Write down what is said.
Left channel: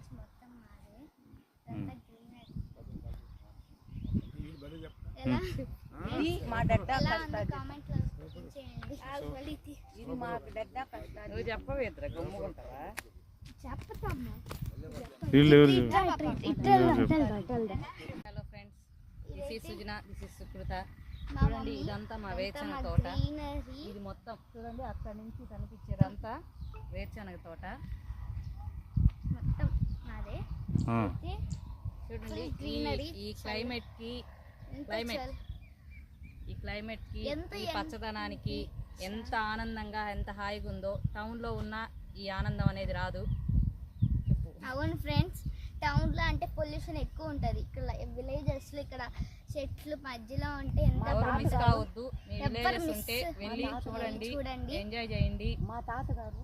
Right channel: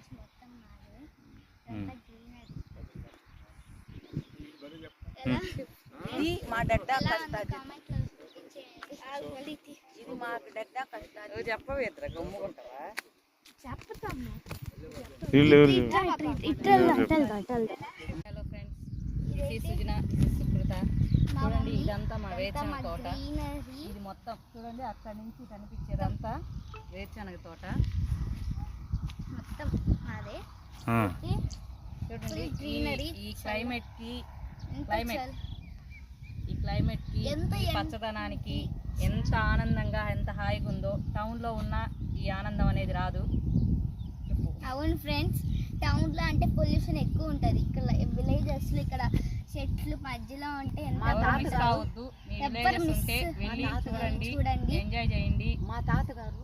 Friends మొత్తం మాదే అంతా గ్రీనరీ ఇది మా డడ్డా కామెంట్లో చూపించేయండి ఇది మా డడ్డా నువ్వు చెప్పవేద్ర గమ్ముకుంటావా చెప్తాము hello friends, this is Sujana, this is Sukrutha. చూడండి ఇదంతా మా వేరుశనగ తోట. ఇది మొత్తం చూడండి అక్కడి నుంచి కనిపించేదంతా వేరుశనగ తోట మొత్తం మాదే చూడండి. గ్రీనరీ ఈ క్లైమేట్ కి ఈ పచ్చదనానికి ఎంత ఆనందంగా ఎంత హాయిగా ఉందో టౌన్లో ఉన్న ఈ ఆనందం అనేది రాదు. అవును ఫ్రెండ్స్, టౌన్లో అంటే పొల్యూషన్ ఎక్కువ ఉంటుంది. ఇక్కడ విలేజెస్లో ఇక్కడ చెట్లు మధ్యలో ఉంటే ఎంత మిస్ కావద్దు. మీ విలేజెస్ ఉంటే వెళ్ళి చూడండి, ఎంజాయ్ చేయండి. మా తాతగారు